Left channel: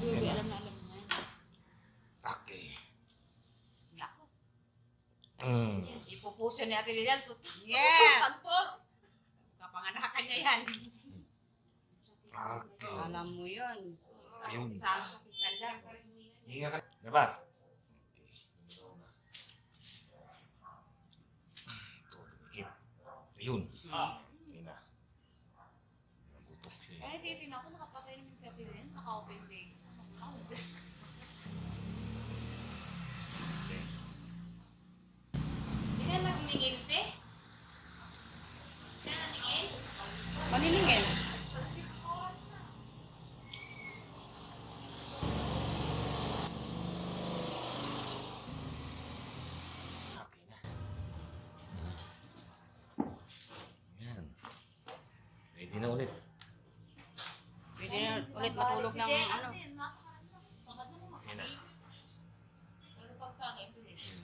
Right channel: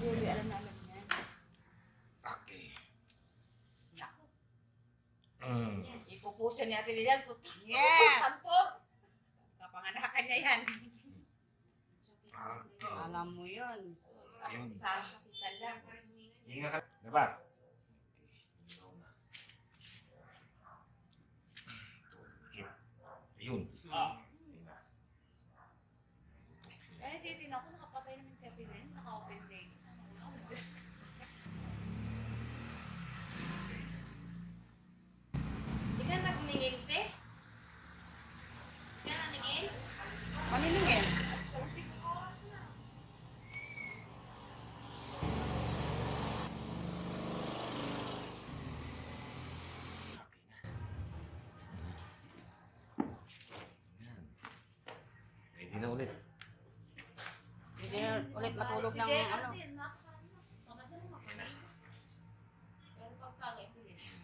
Ruby, alam na alam niya. Okay. Nako. Ipupusin ni Ate Lilian. Yes! Tutusan po. Kapanganakan niya yan. Okay. Alam mo yun. Isang sakitan lang. Hinga ka. Labas. Okay. Yun. Hindi na. Butok siya. Eh, titin ako. Nakapatay naman si Ate Lilian. Naka-open day. Hindi ka nagningil, te? Hindi ka naningil? Paniningin. Okay na. Yan. Ready na ulit. Pwede na ulit matulog ng ano. Okay na. Pero pagka, bilis.